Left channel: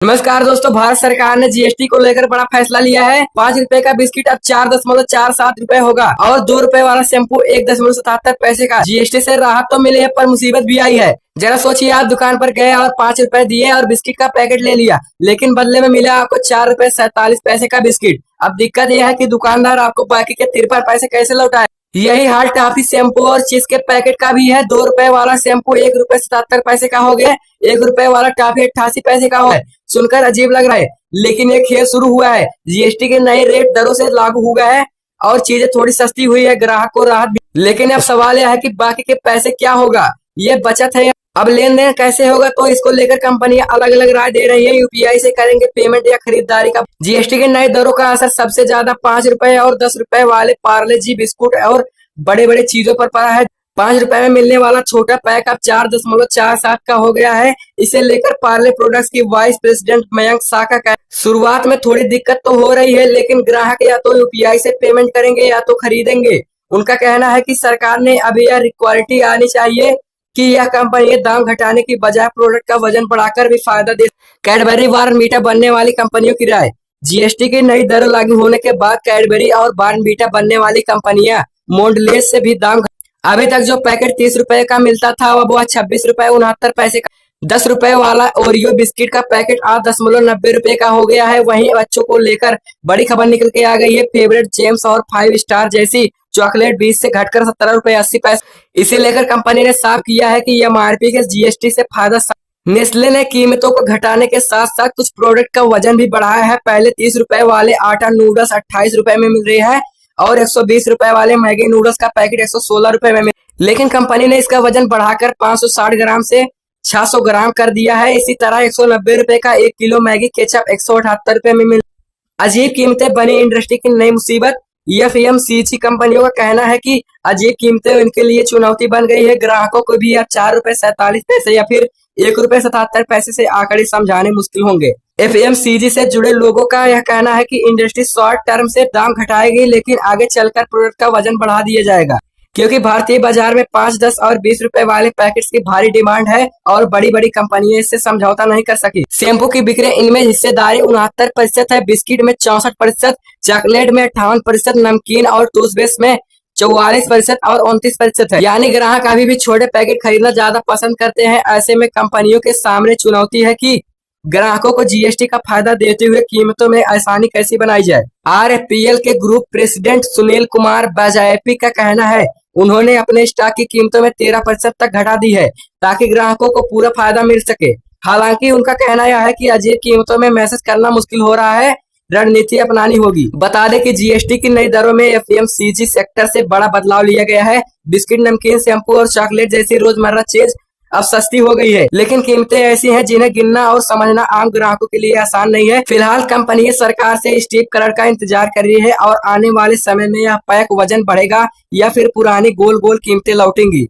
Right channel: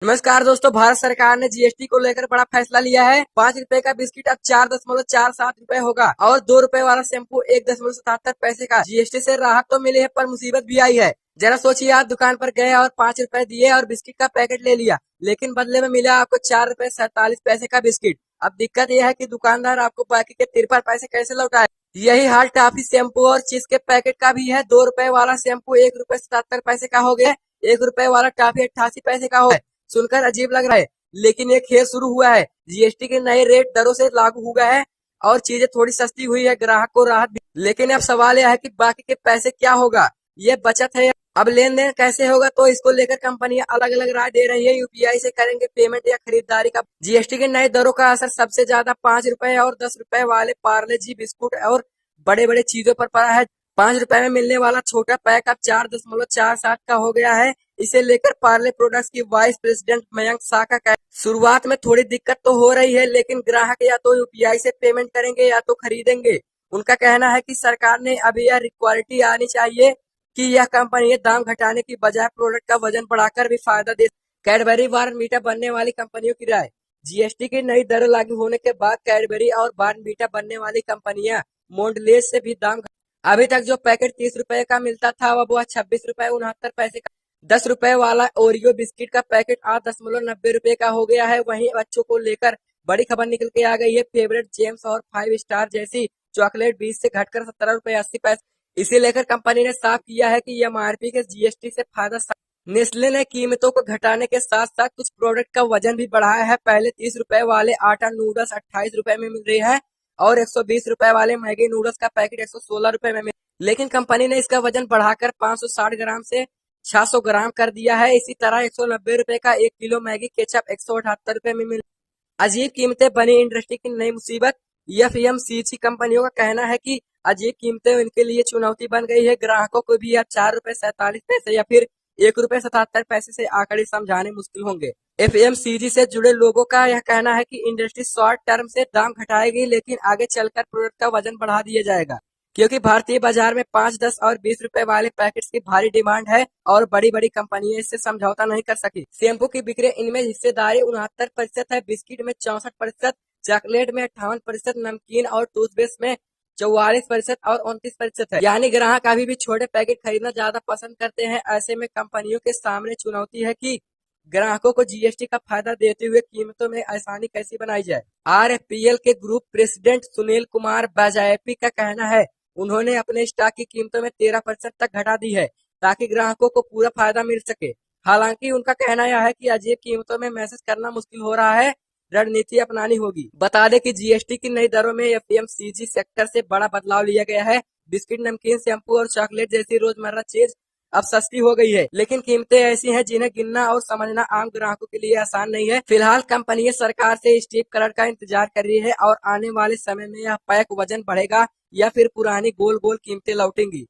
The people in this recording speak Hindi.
नमस्कार दोस्तों, भारत सरकार ने जीएसटी को लेकर बड़ा फैसला लिया है। 5 रुपए का बिस्किट अब 4.47 रुपए होगा और 2 रुपए वाला शैम्पू 1.77 पैसे का। जीएसटी से राहत तो मिली है पर मुसीबत भी आई है। जरा सोचिए, आप दुकान पर गए और 5 रुपए दिए और बिस्किट का पैकेट ले लिया, लेकिन बदले में मिला आपको 4.47 रुपए का बिस्किट। अब दिक्कत यह है कि दुकानदार आपको बाकी के 53 पैसे कैसे लौटाए। यही हाल टॉफी शैम्पू और चीज के पैकेट का भी है। 2 रुपए वाला शैम्पू 1.77 पैसे का हो गया, 1 रुपए वाला टॉफी 88 पैसे का हो गया। सुनकर अजीब लग रहा है, लेकिन ये खेल शुरू हुआ है। जीएसटी के नए रेट दरों से लागू हो गया है और चीजें थोड़ी सस्ती हुई है, ग्राहक को राहत भी। लेकिन अब सवाल यह है कि बाकी के पैसे क्या होगा। ये बचत है, अब लेन देन कैसे होगा, तो इसको लेकर कंपनियां अलग अलग राय दे रही है। यूपीआई से करेंगे पेमेंट या खरीदारी का। जीएसटी के नए दरों का असर सबसे ज्यादा 5 रुपए और 10 रुपए वाले पार्ले जी बिस्कुट और बड़े बड़े चीजों पर पड़ा है। 5 रुपए में मिलने वाला छोटा पैक अब 4.47 का हो गया है। इसे लेकर पार्ले प्रोडक्ट्स की वाइस प्रेसिडेंट मयंक शाह का कहना, शुरुआत में थोड़ी दिक्कत तो हो रही है, लेकिन ग्राहक या तो यूपीआई से पेमेंट करेंगे या तो खरीदेंगे। उनका कहना है कि सरकार ने अभी यह रिक्वालिटी आनी चाहिए कि यह कंपनी दाम घटाने की बजाय प्रोडक्ट का वजन बढ़ाकर भी फायदा दे। कैडबरी बॉर्नवीटा बनने वाली कंपनियों की राय। जीएसटी की नई दर लागू होने के बाद कैडबरी और बॉर्नवीटा बनने वाली कंपनियां मोंडलेस से भी दाम। अभी तक जो पैकेट 30 रुपए का मिलता था, अब वह 26 रुपए 69 पैसे का। 10 रुपए वाला ओरियो बिस्किट का पैकेट 8.90 रुपए का हो गया है। वहीं बच्चों को लेकर बड़ी खबर निकल के आ गई है। फेवरेट जेम्स और 5 स्टार जैसी चॉकलेट 20 से घटकर 17 रुपए 80 पैसे। इसे लेकर कंपनी ने साफ किया है कि एमआरपी के जीएसटी से फायदा। नेस्ले ने कीमतों को घटाने के साथ साथ कुछ प्रोडक्ट का वजन भी बढ़ाया है। पहले 30 रुपए वाले आटा नूडल्स 28 रुपए में मिल रहे हैं और 120 रुपए वाले मैगी नूडल्स का पैकेट 116 रुपए में लेकिन कंपनी ने इसका वजन बढ़ाकर 560 ग्राम से 600 ग्राम कर दिया है। इसी तरह 190 रुपए का 1 किलो मैगी केचप 178 रुपए में मिल। अजीब कीमतें बनी इंडस्ट्री की नई मुसीबत। एफएमसीजी कंपनियों का कहना है कि अजीब कीमतें उनके लिए चुनौती बन गई है। ग्राहकों को भी अब 4.47 रुपए या फिर 1.77 रुपए से आंकड़े समझाने मुश्किल होंगे। एफएमसीजी से जुड़े लोगों का यह कहना है कि इंडस्ट्री शॉर्ट टर्म से दाम घटाएगी, लेकिन आगे चलकर प्रोडक्ट का वजन बढ़ा दिया जाएगा, क्योंकि भारतीय बाजार में 5, 10 और 20 रुपए वाले पैकेट्स की भारी डिमांड है और बड़ी बड़ी कंपनियां इससे समझौता नहीं कर सकी। शैम्पू की बिक्री इनमें हिस्सेदारी 69% है, बिस्किट में 64%, चॉकलेट में 58%, नमकीन और टूथपेस्ट में 44% और 29% है। यानी ग्राहक अभी भी छोटे पैकेट खरीदना ज्यादा पसंद करते हैं। ऐसे में कंपनियों के सामने चुनौती है कि ग्राहकों को जीएसटी का फायदा देते हुए कीमतों में आसानी कैसे बनाई जाए। आरएफपीएल के ग्रुप प्रेसिडेंट सुनील कुमार बाजायपी का कहना है, उन्होंने अपने स्टॉक की कीमतों में 13% तक घटा दी है ताकि ग्राहकों को पूरा फायदा मिल सके। हालांकि उनका कहना यह है कि अजीब कीमतों में मैसेज करना मुश्किल हो रहा है, रणनीति अपनानी होगी। बता दें कि जीएसटी की नई दरों में एफएमसीजी सेक्टर से बड़ा बदलाव लिया गया है। बिस्किट, नमकीन, शैम्पू और चॉकलेट जैसी रोजमर्रा चीज अब सस्ती हो गई है, लेकिन कीमतें ऐसी हैं जिन्हें गिनना और समझना आम ग्राहकों के लिए आसान नहीं है। फिलहाल कंपनी सरकार से स्टीप कलर का इंतजार कर रही है और आने वाले समय में यह पैक वजन बढ़ेगा या फिर पुरानी गोल गोल कीमतें लौटेंगी।